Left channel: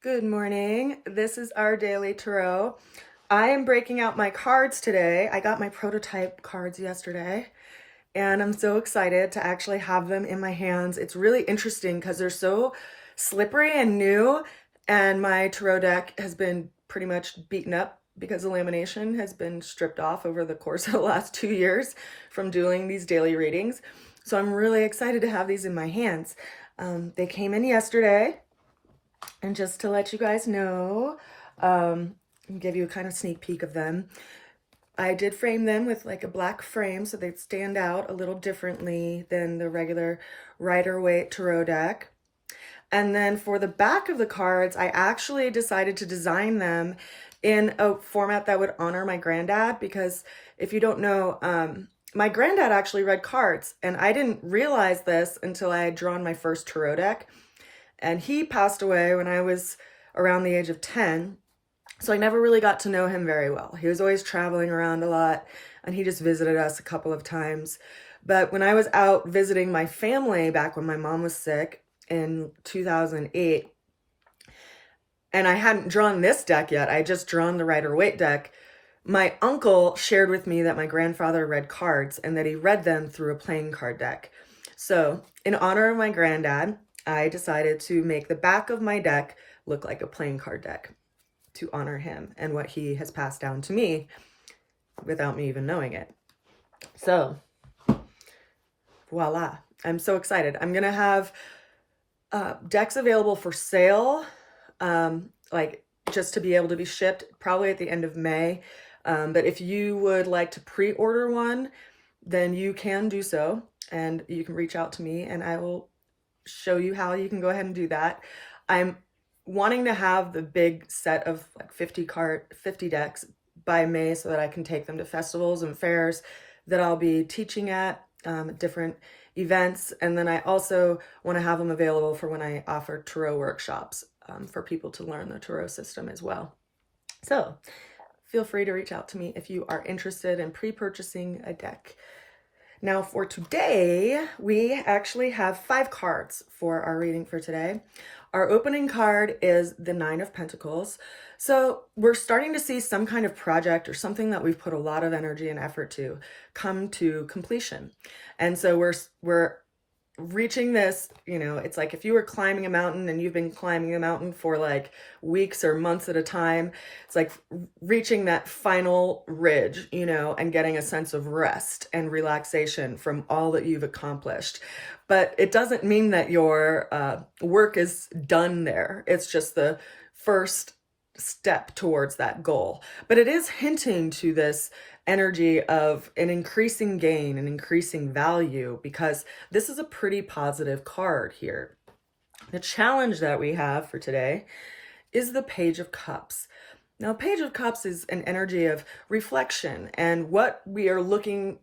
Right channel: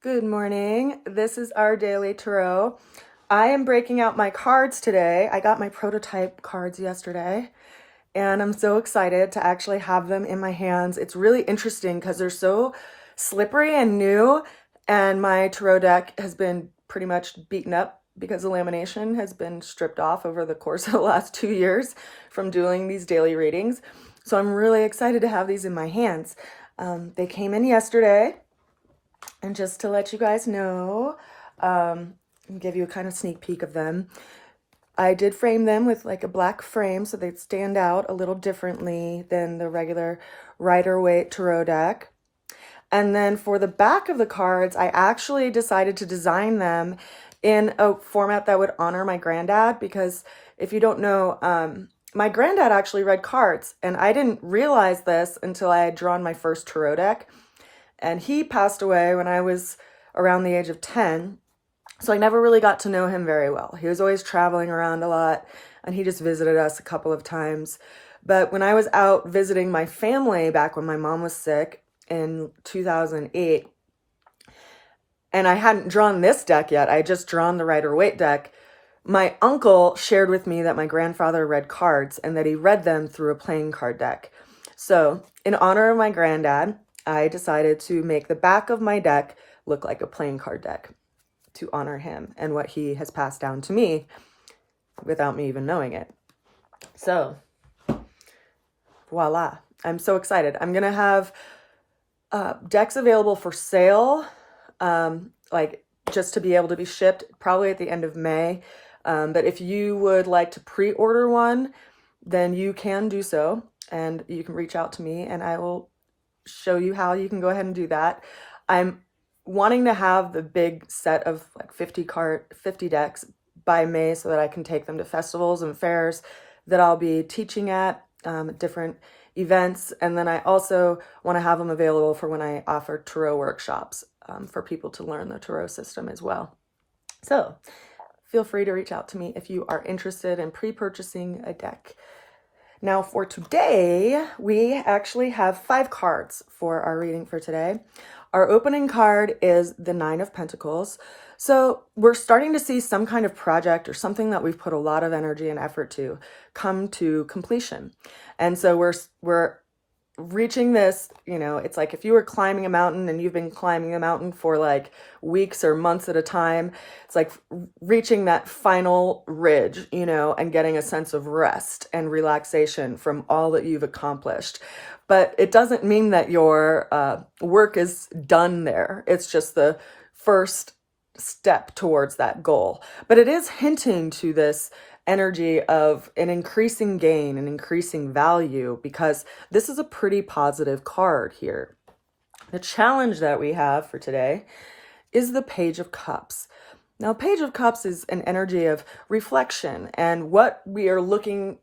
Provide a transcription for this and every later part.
Good morning. This is our daily tarot. I am breaking out my cards today. I got my prototype cards yesterday, and I'm so excited to actually have them in my hands. It's really interesting because they're so slippery and new, and my tarot deck has been pretty much beaten up because the lamination has been stripped off over the course of the last 2 years from doing these daily readings. So I'm really excited to have these in my hands. They came in yesterday. And just to let you guys know, give you a kind of sneak peek of them, I did frame them with like a black frame so they'd stand out a little differently than the regular Rider-Waite tarot deck. And then for the back of the cards, I actually decided to design them in a format that would honor my granddad, because if you don't know, my granddad actually read cards, and I didn't realize this until I had drawn my first tarot deck. And he passed away when I was around the age of 10. So I never really got to know him very well. He was always traveling around a lot, and he just visited us a couple of times. But when I was out visiting my family back when my mom was sick in 2008, and I hadn't drawn this deck yet, I had just drawn the Rider-Waite deck, my uncle shared with me that my grandfather read cards and that he read them through a playing card deck. So in honor of my granddad, I decided to make the back of my deck look like a playing card deck to honor him and what he has passed down to me without me even knowing it. So voila, I'm so excited. I'm gonna have decks available for sale, like just to be able to be shipped probably at the end of May. But if you would like to pre-order one, then you can do so, and you can reach out to me and I will show you how you can go ahead and do that. I'm wanting to have the big set of like 50 decks by May so that I can take them to festivals and fairs that I'll be teaching at, different events. And then I also want to have them available for when I offer tarot workshops, for people to learn the tarot system as well. So feel free to reach out to me if you are interested in pre-purchasing a deck. Now for today, we actually have 5 cards for our reading for today. Our opening card is the 9 of Pentacles. So we're starting to see some kind of project or something that we've put a lot of energy and effort to come to completion. And so we're reaching this, it's like if you were climbing a mountain and you've been climbing a mountain for like weeks or months at a time, it's like reaching that final ridge, and getting a sense of rest and relaxation from all that you've accomplished. But it doesn't mean that your work is done there. It's just the first step towards that goal. But it is hinting to this energy of an increasing gain, an increasing value, because this is a pretty positive card here. The challenge that we have for today is the Page of Cups. Now, Page of Cups is an energy of reflection and what we are looking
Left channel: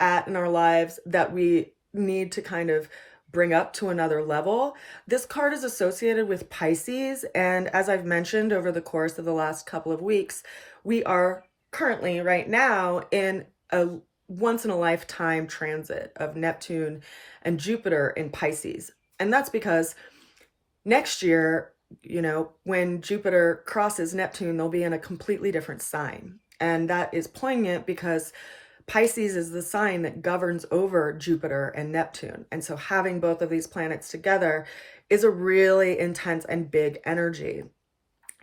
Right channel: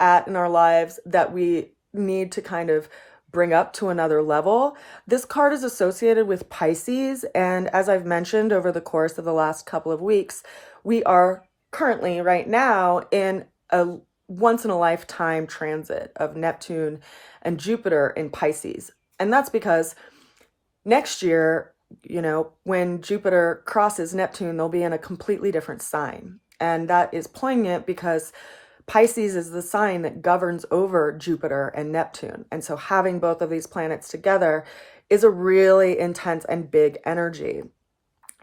at in our lives that we need to kind of bring up to another level. This card is associated with Pisces, and as I've mentioned over the course of the last couple of weeks, we are currently right now in a once-in-a-lifetime transit of Neptune and Jupiter in Pisces. And that's because next year, when Jupiter crosses Neptune, they'll be in a completely different sign. And that is poignant because Pisces is the sign that governs over Jupiter and Neptune. And so having both of these planets together is a really intense and big energy.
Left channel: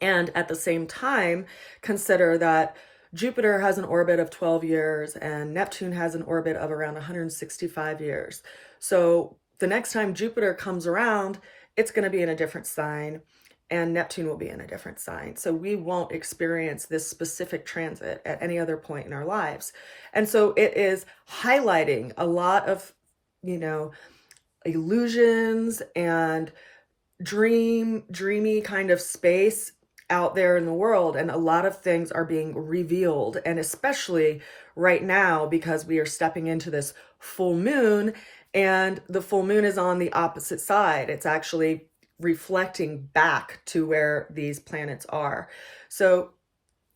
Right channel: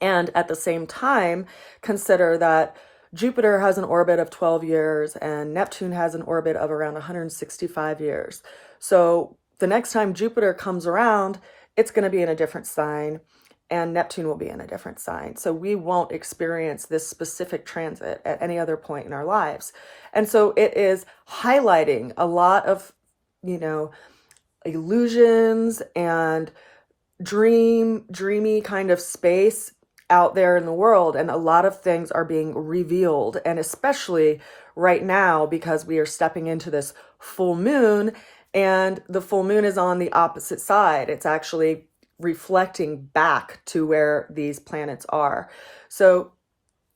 And at the same time, consider that Jupiter has an orbit of 12 years and Neptune has an orbit of around 165 years. So the next time Jupiter comes around, it's going to be in a different sign, and Neptune will be in a different sign. So we won't experience this specific transit at any other point in our lives. And so it is highlighting a lot of, illusions and dreamy kind of space out there in the world. And a lot of things are being revealed. And especially right now, because we are stepping into this full moon, and the full moon is on the opposite side. It's actually reflecting back to where these planets are. So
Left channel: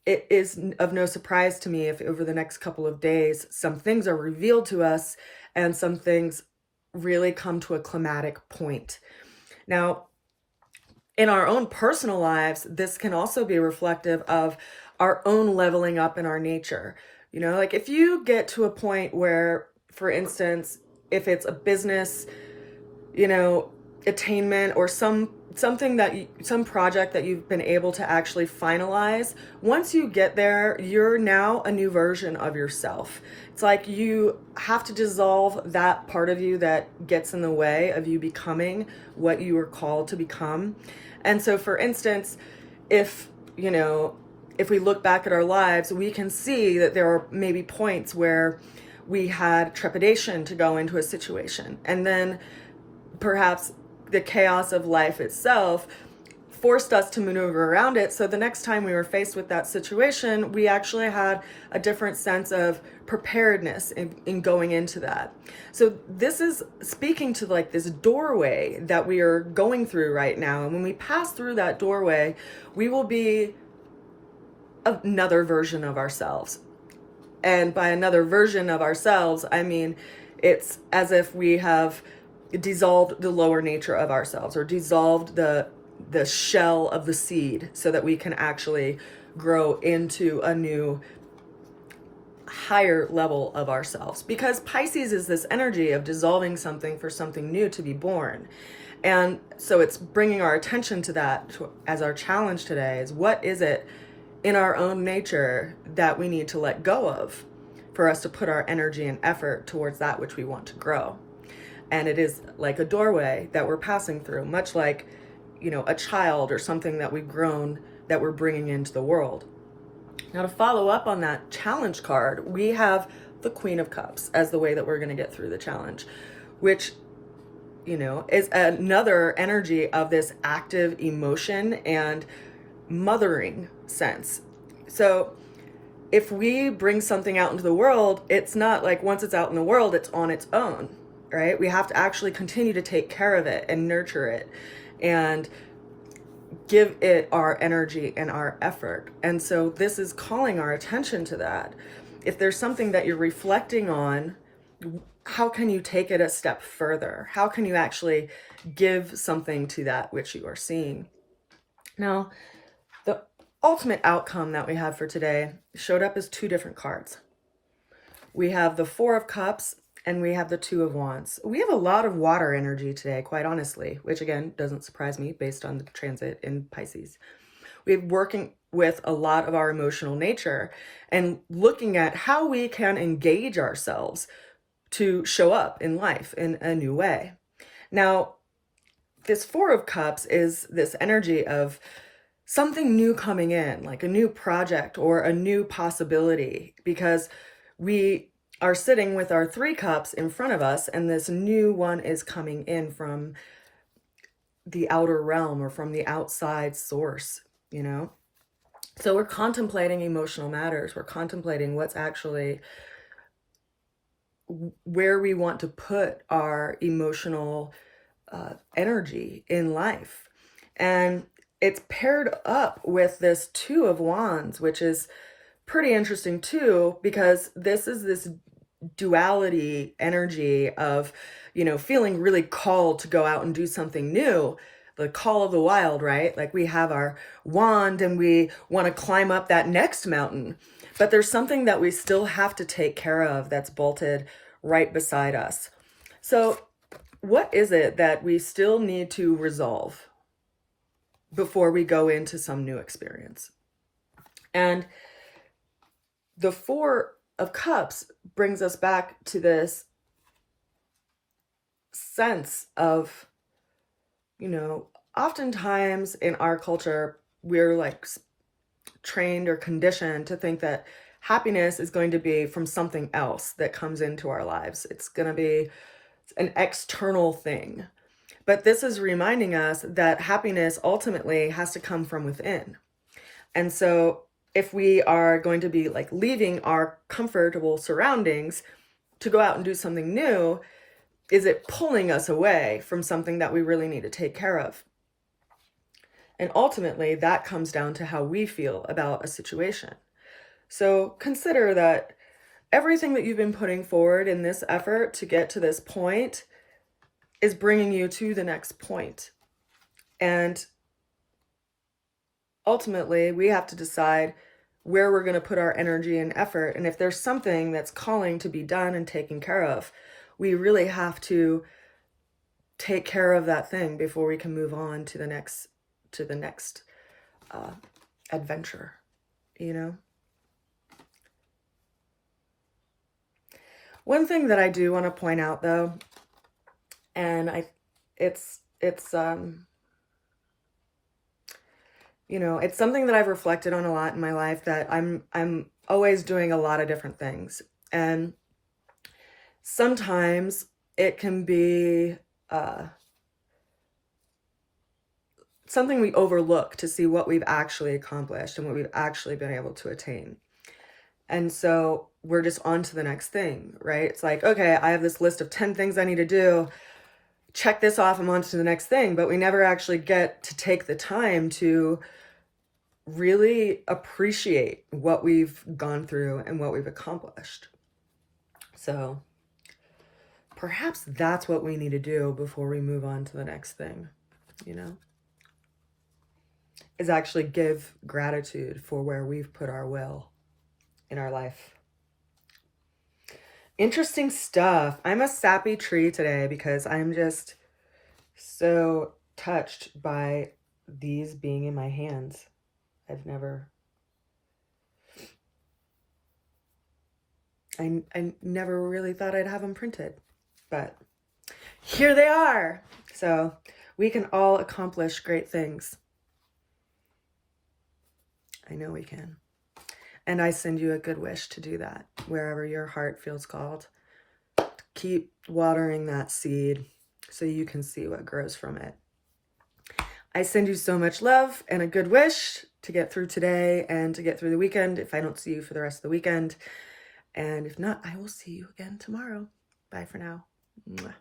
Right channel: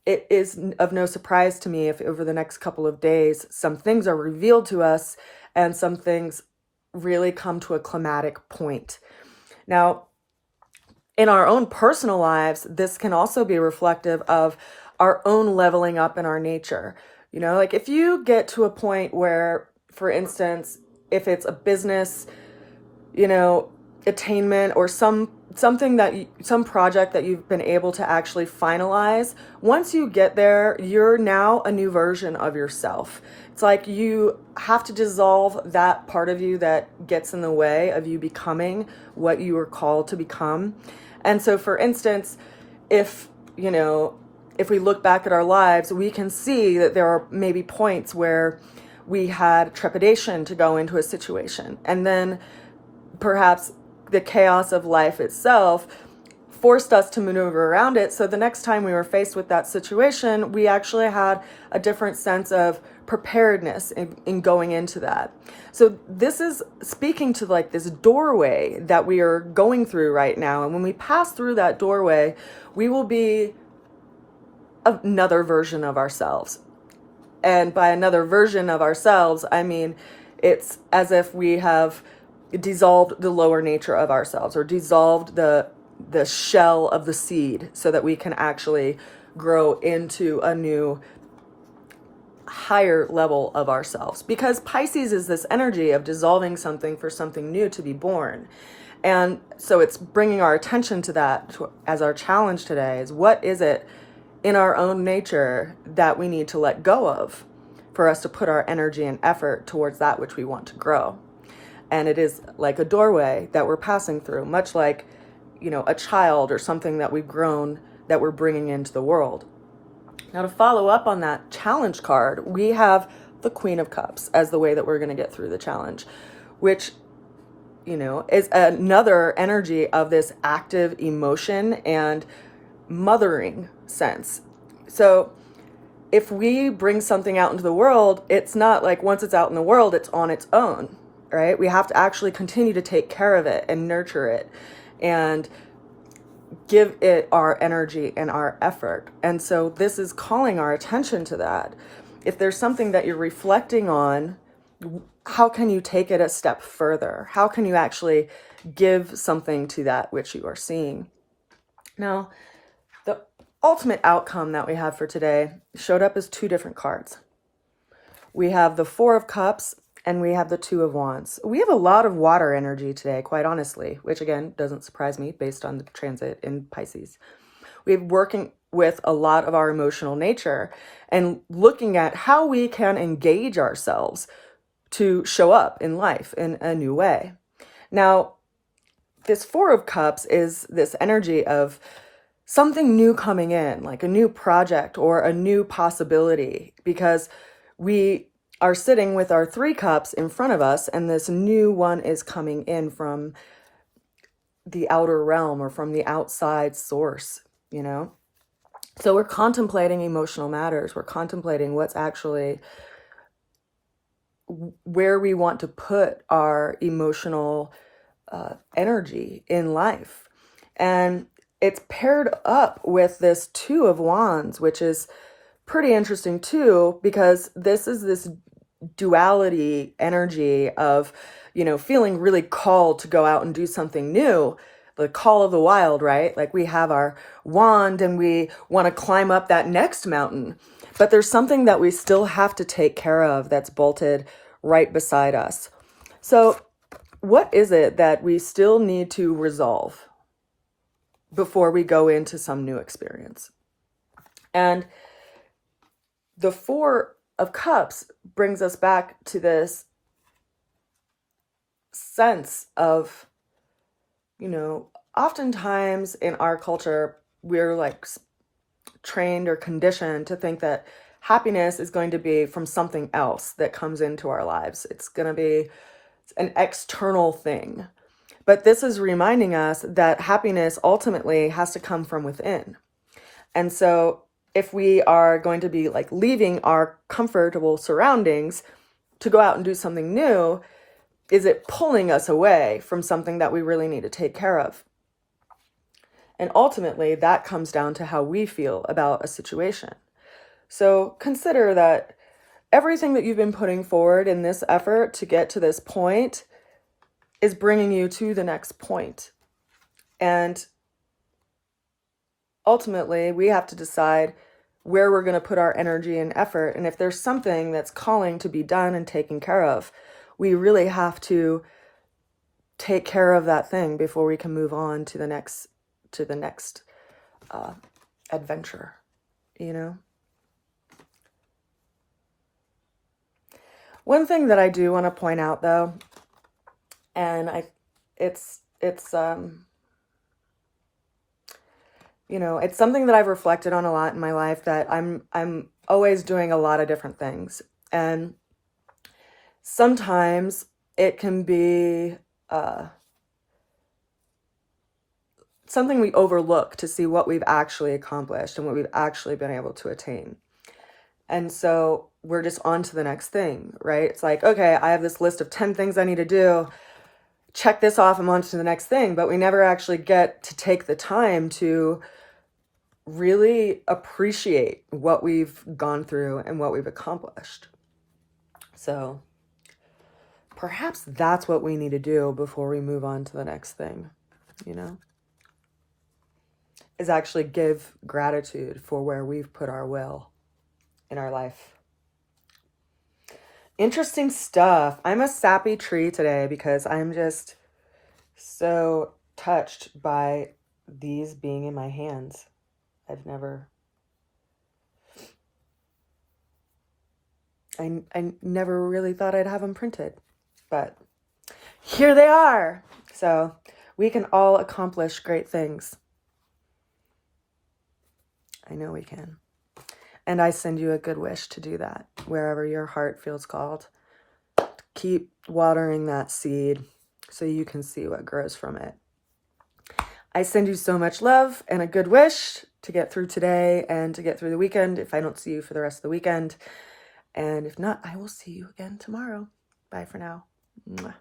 it is of no surprise to me if over the next couple of days, some things are revealed to us and some things really come to a climatic point. Now, in our own personal lives, this can also be reflective of our own leveling up in our nature. You know, like if you get to a point where, for instance, if it's a business, you know, attainment or something that some project that you've been able to actually finalize, once you get there, you're now a new version of yourself. It's like you have to dissolve that part of you that gets in the way of you becoming what you were called to become. And so, for instance, if, you know, if we look back at our lives, we can see that there are maybe points where we had trepidation to go into a situation. And then perhaps the chaos of life itself forced us to maneuver around it. So the next time we were faced with that situation, we actually had a different sense of preparedness in going into that. So this is speaking to like this doorway that we are going through right now. And when we pass through that doorway, we will be another version of ourselves. And by another version of ourselves, I mean, it's as if we have dissolved the lower nature of ourselves, or dissolved the shell of the seed, so that we can actually grow into a new higher level of ourselves. Because Pisces is this energy of dissolving something for something new to be born. And so it's bringing our attention to that as our challenge today is, what is it in our own nature that we need to let go of for us to put our energy and effort towards that which we want to grow. And it is like a doorway that we're passing through, much like, you know, a child or something that we've grown that we're bringing into the world. Now, to follow up on that challenge card, we have the Queen of Cups as the way that we're going to get through the challenge, which, you know, is another energy of this active emotion and mothering sense. So if we bring something out into the world, it's not like once it's out in the world, it's on its own, right? We have to actually continue to take care of it and nurture it and give it our energy and our effort. And so this is calling our attention to that. If there's something that you're reflecting on, how can you take it a step further? How can you actually give something to that which you are seeing? Now, the ultimate outcome that we have for today showed up as two different cards. We have the Four of Cups and we have the Two of Wands. We have a lot of water energy today, quite honestly, which again, doesn't surprise me based on the transit in Pisces. We're working with a lot of our emotional nature and looking at how we can engage ourselves to show up in life in a new way. Now, this Four of Cups is this energy of something new coming in, like a new project or a new possibility, because we are sitting with our Three Cups in front of us, and this new one is coming in from the outer realm or from the outside source, you know? So we're contemplating emotional matters. We're contemplating what's actually where we want to put our emotional energy in life. And it's paired up with this Two of Wands, which is pretty interesting too, because this is this duality energy of, you know, feeling really called to go out and do something new, the call of the wild, right? Like we have our wand and we want to climb up that next mountain, but there's something that we still have to take care of that's bolted right beside us. So what is it that we still need to resolve before we go into some new experience? And the Four of Cups brings us back to this sense of, you know, oftentimes in our culture, we're like trained or conditioned to think that happiness is going to be from something else that comes into our lives. It's going to be an external thing. But this is reminding us that happiness ultimately has to come from within. And so if we are going to be like leaving our comfortable surroundings to go out and do something new, is it pulling us away from something that we really need to take care of? And ultimately, that comes down to how we feel about a situation. So consider that everything that you've been putting forward in this effort to get to this point is bringing you to the next point. And ultimately we have to decide where we're going to put our energy and effort. And if there's something that's calling to be done and taken care of, we really have to take care of that thing before we can move on to the next adventure, you know? One thing that I do want to point out though, and it's you know, it's something that I've reflected on a lot in my life, that I'm always doing a lot of different things. And sometimes it can be something we overlook to see what we've actually accomplished and what we've actually been able to attain. And so we're just on to the next thing, right? It's like, okay, I have this list of 10 things I need to do. Check this off, I'm on to the next thing. But we never actually get to take the time to really appreciate what we've gone through and what we've accomplished. So perhaps that's what we need to do before we move on to the next thing, you know, is actually give gratitude for where we've put our will in our life. Interesting stuff. I'm a sappy tree today because I'm just so touched by these being in my hands. I never really thought I'd have them printed, but here they are. So we can all accomplish great things. I know we can. And I send you a good wish to do that wherever your heart feels called. Keep watering that seed so you can see what grows from it. I send you so much love and a good wish to get through today and to get through the weekend if I don't see you for the rest of the weekend. And if not, I will see you again tomorrow. Bye for now. Mwah.